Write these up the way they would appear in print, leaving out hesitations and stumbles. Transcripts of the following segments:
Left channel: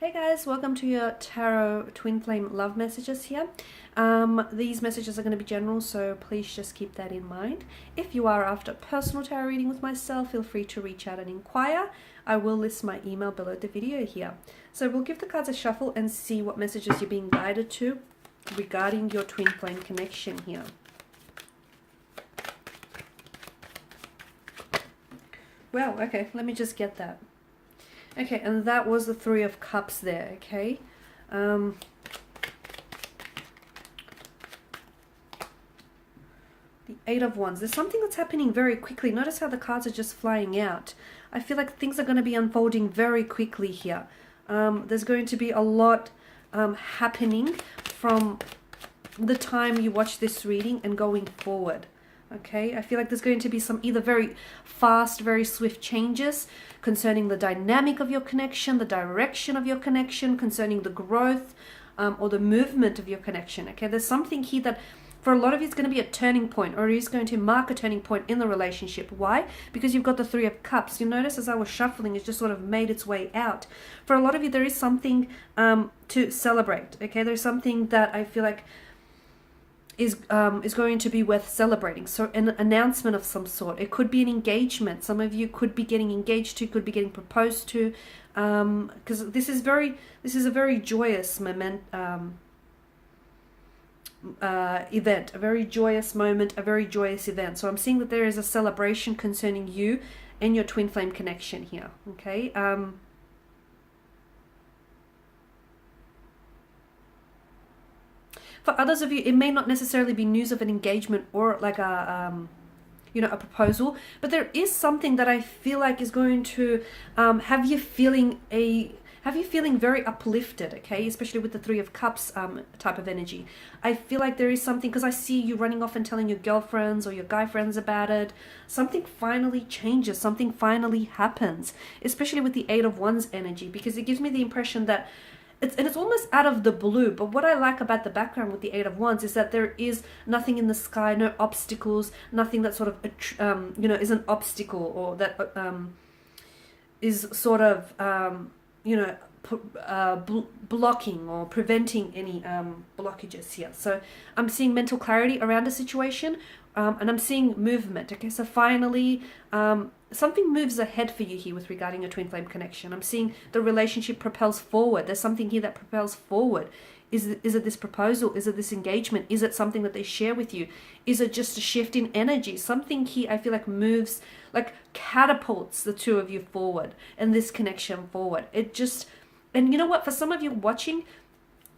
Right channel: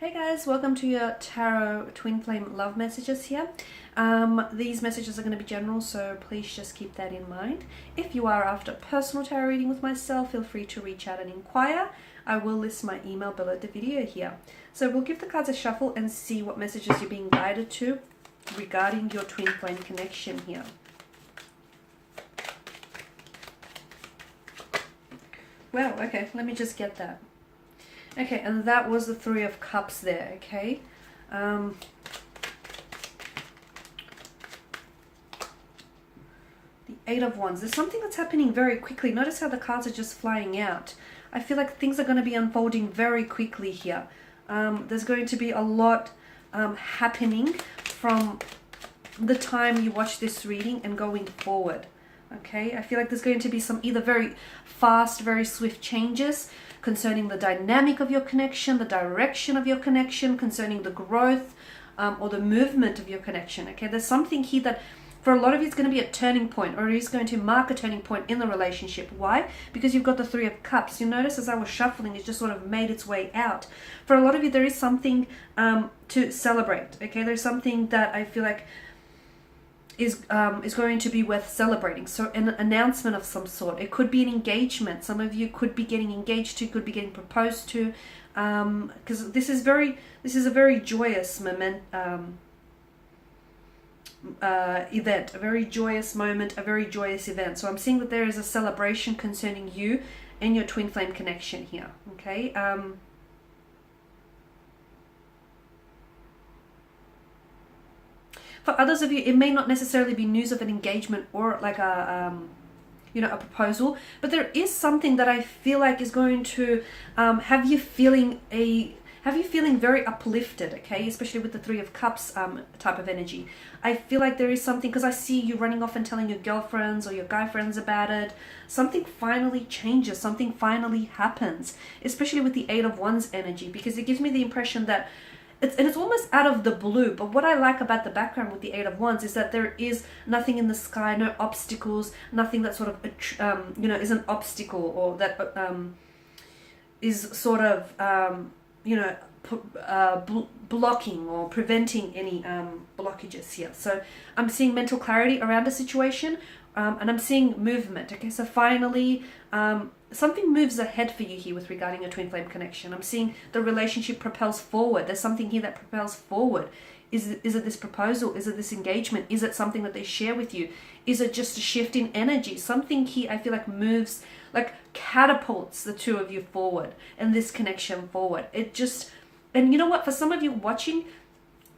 Hey guys, welcome to your Tarot Twin Flame love messages here. These messages are going to be general, so please just keep that in mind. If you are after personal tarot reading with myself, feel free to reach out and inquire. I will list my email below the video here. So we'll give the cards a shuffle and see what messages you're being guided to regarding your twin flame connection here. Wow, okay, let me just get that. Okay, and that was the Three of Cups there, okay? The Eight of Wands. There's something that's happening very quickly. Notice how the cards are just flying out. I feel like things are going to be unfolding very quickly here. There's going to be a lot happening from the time you watch this reading and going forward, okay? I feel like there's going to be some either very fast, very swift changes concerning the dynamic of your connection, the direction of your connection, concerning the growth or the movement of your connection, okay? There's something here that for a lot of you it's going to be a turning point, or it is going to mark a turning point in the relationship. Why? Because you've got the Three of Cups. You notice as I was shuffling, it just sort of made its way out. For a lot of you, there is something to celebrate, okay? There's something that I feel like is going to be worth celebrating. So an announcement of some sort. It could be an engagement. Some of you could be getting engaged to, could be getting proposed to, because this is a very joyous event, a very joyous moment, a very joyous event. So I'm seeing that there is a celebration concerning you and your twin flame connection here, okay? For others of you, it may not necessarily be news of an engagement or like a proposal, but there is something that I feel like is going to have you feeling very uplifted, okay? Especially with the Three of Cups type of energy. I feel like there is something, because I see you running off and telling your girlfriends or your guy friends about it. Something finally changes, something finally happens, especially with the Eight of Wands energy, because it gives me the impression that it's almost out of the blue. But what I like about the background with the Eight of Wands is that there is nothing in the sky, no obstacles, nothing that sort of is an obstacle, or that is sort of blocking or preventing any blockages here. So I'm seeing mental clarity around a situation, and I'm seeing movement. Okay, so finally something moves ahead for you here with regarding a twin flame connection. I'm seeing the relationship propels forward. There's something here that propels forward. Is it this proposal? Is it this engagement? Is it something that they share with you? Is it just a shift in energy? Something here I feel like moves, like catapults the two of you forward and this connection forward. It just, and you know what, for some of you watching,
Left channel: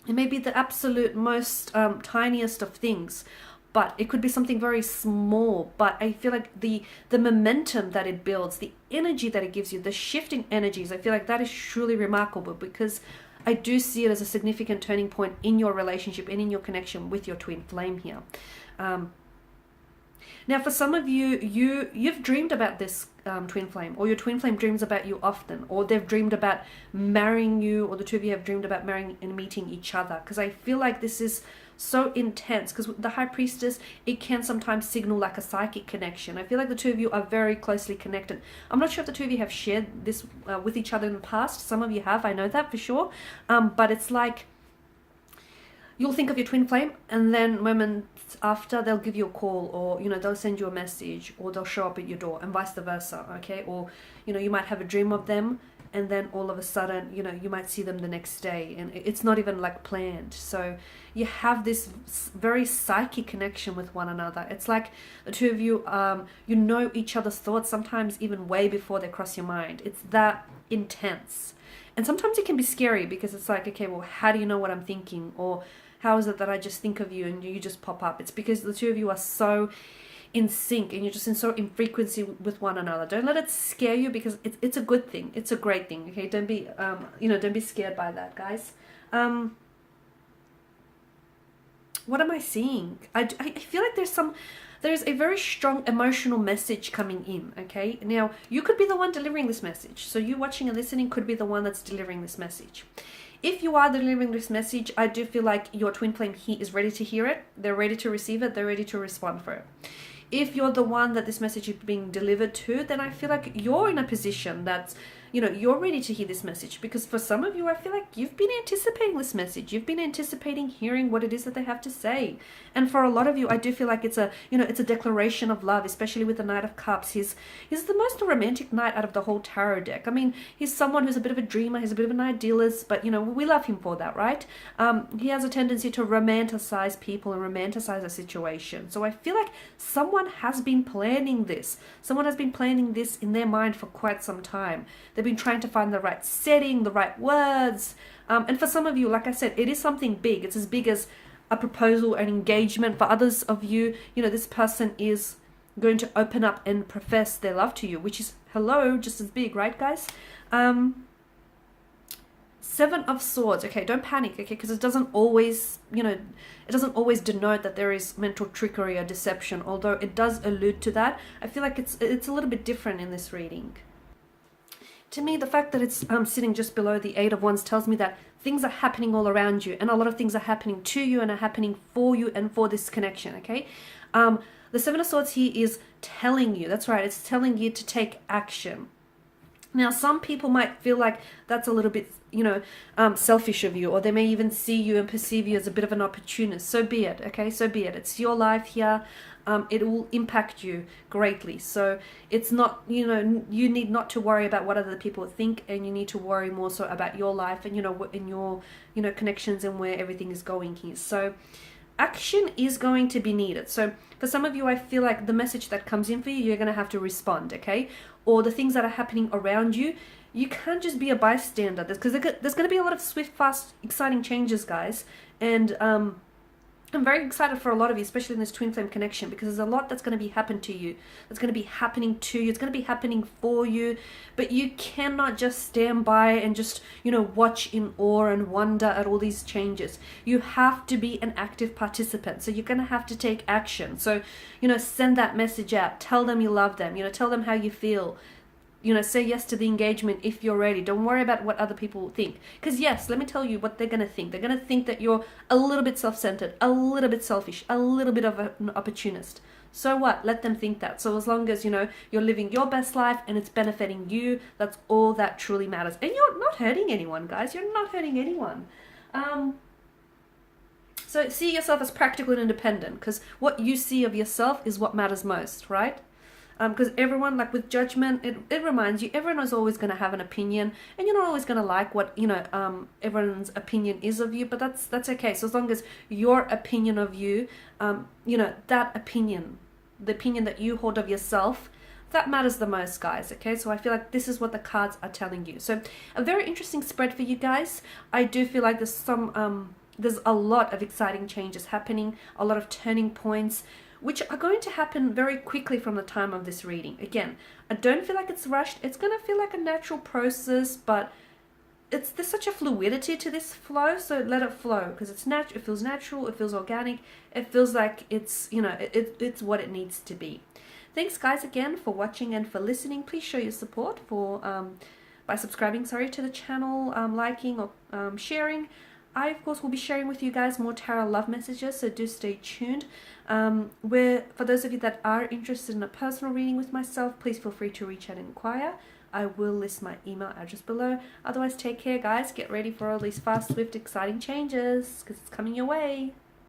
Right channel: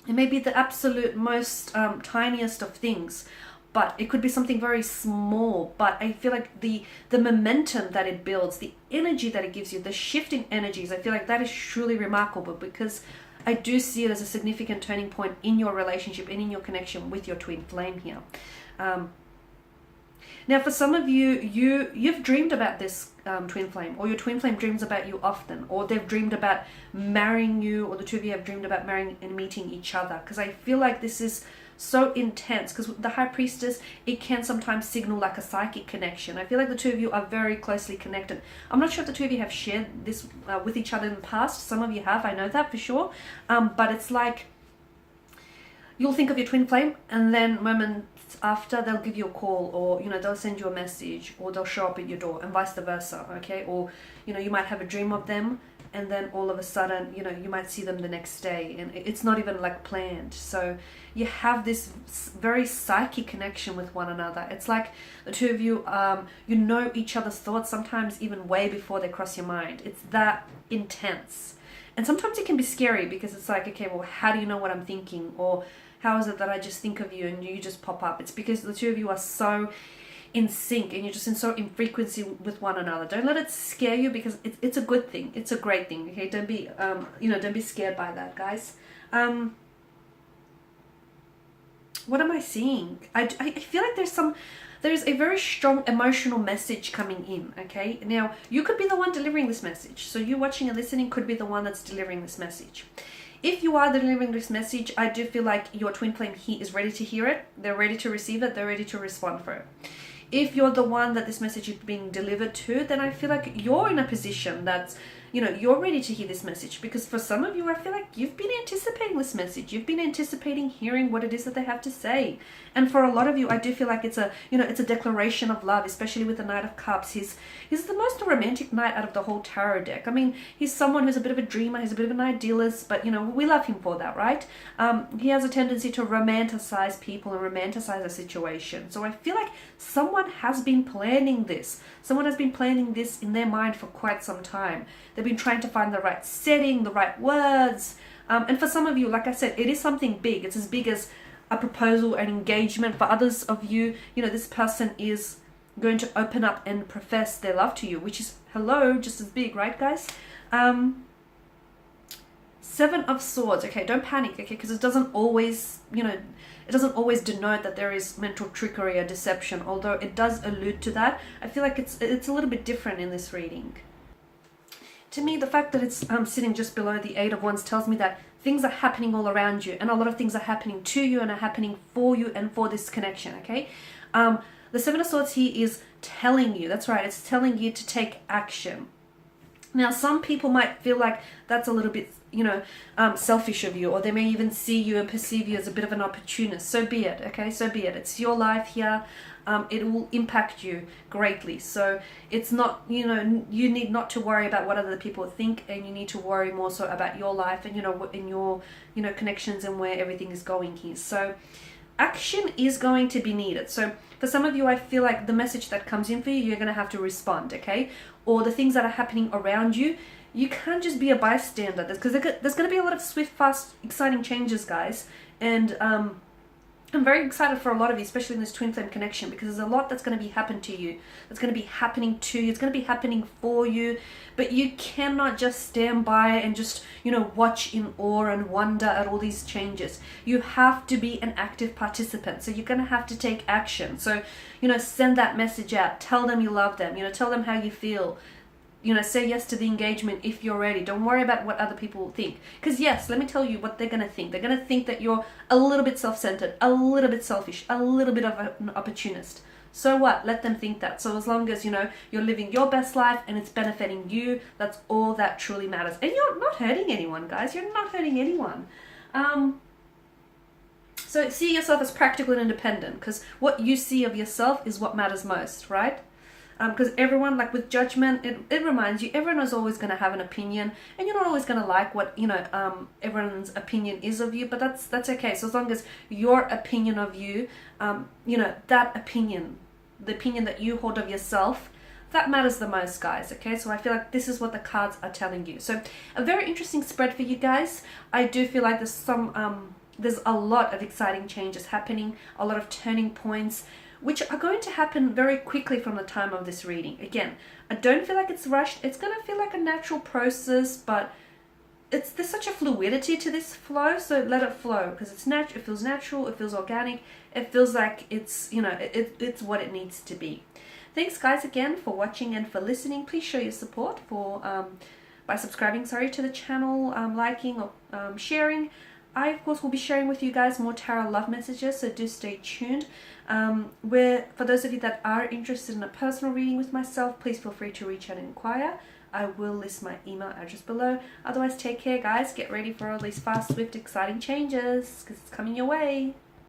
it may be the absolute most tiniest of things, but it could be something very small. But I feel like the momentum that it builds, the energy that it gives you, the shifting energies, I feel like that is truly remarkable, because I do see it as a significant turning point in your relationship and in your connection with your twin flame here. Now, for some of you, you've dreamed about this twin flame, or your twin flame dreams about you often, or they've dreamed about marrying you, or the two of you have dreamed about marrying and meeting each other. Because I feel like this is so intense, because with the High Priestess, it can sometimes signal like a psychic connection. I feel like the two of you are very closely connected. I'm not sure if the two of you have shared this with each other in the past. Some of you have, I know that for sure. But it's like you'll think of your twin flame, and then moments after they'll give you a call, or they'll send you a message, or they'll show up at your door, and vice versa, okay? Or you might have a dream of them, and then all of a sudden you might see them the next day, and it's not even like planned. So you have this very psychic connection with one another. It's like the two of you know each other's thoughts, sometimes even way before they cross your mind. It's that intense. And sometimes it can be scary, because it's like, okay, well, how do you know what I'm thinking? Or how is it that I just think of you and you just pop up? It's because the two of you are so in sync, and you're just in frequency with one another. Don't let it scare you, because it's a good thing. It's a great thing. Okay, don't be don't be scared by that, guys. What am I seeing? I feel like there's a very strong emotional message coming in. Okay, now you could be the one delivering this message. So you watching and listening could be the one that's delivering this message. If you are delivering this message, I do feel like your twin flame here is ready to hear it. They're ready to receive it. They're ready to respond for it. If you're the one that this message is being delivered to, then I feel like you're in a position that's you know, you're ready to hear this message, because for some of you, I feel like you've been anticipating this message. You've been anticipating hearing what it is that they have to say. And for a lot of you, I do feel like it's a, you know, it's a declaration of love, especially with the Knight of Cups. He's the most romantic knight out of the whole tarot deck. I mean, he's someone who's a bit of a dreamer, he's a bit of an idealist, but, you know, we love him for that, right? He has a tendency to romanticize people and romanticize a situation. So I feel like someone has been planning this. Someone has been planning this in their mind for quite some time. They've been trying to find the right setting, the right words. And for some of you, like I said, it is something big. It's as big as a proposal, an engagement. For others of you, you know, this person is going to open up and profess their love to you, which is, hello, just as big, right, guys? Seven of Swords. Okay, don't panic, okay, because it doesn't always, you know, it doesn't always denote that there is mental trickery or deception, although it does allude to that. I feel like it's a little bit different in this reading. To me, the fact that it's sitting just below the Eight of Wands tells me that things are happening all around you, and a lot of things are happening to you and are happening for you and for this connection, okay? The Seven of Swords here is telling you, that's right, it's telling you to take action. Now, some people might feel like that's a little bit, you know, selfish of you, or they may even see you and perceive you as a bit of an opportunist. So be it, okay? So be it. It's your life here. It will impact you greatly. So it's not, you know, you need not to worry about what other people think, and you need to worry more so about your life and, you know, in your, you know, connections and where everything is going here. So action is going to be needed. So for some of you, I feel like the message that comes in for you, you're going to have to respond, okay? Or the things that are happening around you, you can't just be a bystander, because there's going to be a lot of swift, fast, exciting changes, guys. And I'm very excited for a lot of you, especially in this twin flame connection, because there's a lot that's going to be happening to you. It's going to be happening to you. It's going to be happening for you. But you cannot just stand by and just, you know, watch in awe and wonder at all these changes. You have to be an active participant. So you're going to have to take action. So, you know, send that message out. Tell them you love them. You know, tell them how you feel. You know, say yes to the engagement if you're ready. Don't worry about what other people will think. Because yes, let me tell you what they're going to think. They're going to think that you're a little bit self-centered, a little bit selfish, a little bit of an opportunist. So what? Let them think that. So as long as, you know, you're living your best life and it's benefiting you, that's all that truly matters. And you're not hurting anyone, guys. You're not hurting anyone. So see yourself as practical and independent, because what you see of yourself is what matters most, right? Because everyone, like with judgment, it reminds you, everyone is always going to have an opinion, and you're not always going to like what, you know, everyone's opinion is of you, but that's okay. So as long as your opinion of you, you know, that opinion, the opinion that you hold of yourself, that matters the most, guys, okay? So I feel like this is what the cards are telling you. So a very interesting spread for you guys. I do feel like there's a lot of exciting changes happening, a lot of turning points, which are going to happen very quickly from the time of this reading. Again, I don't feel like it's rushed. It's going to feel like a natural process, but there's such a fluidity to this flow, so let it flow, because it feels natural, it feels organic, it feels like it's, you know, it's what it needs to be. Thanks, guys, again for watching and for listening. Please show your support by subscribing, to the channel, liking or sharing. I, of course, will be sharing with you guys more tarot love messages, so do stay tuned. Where for those of you that are interested in a personal reading with myself, please feel free to reach out and inquire. I will list my email address below. Otherwise, take care, guys. Get ready for all these fast, swift, exciting changes, because it's coming your way.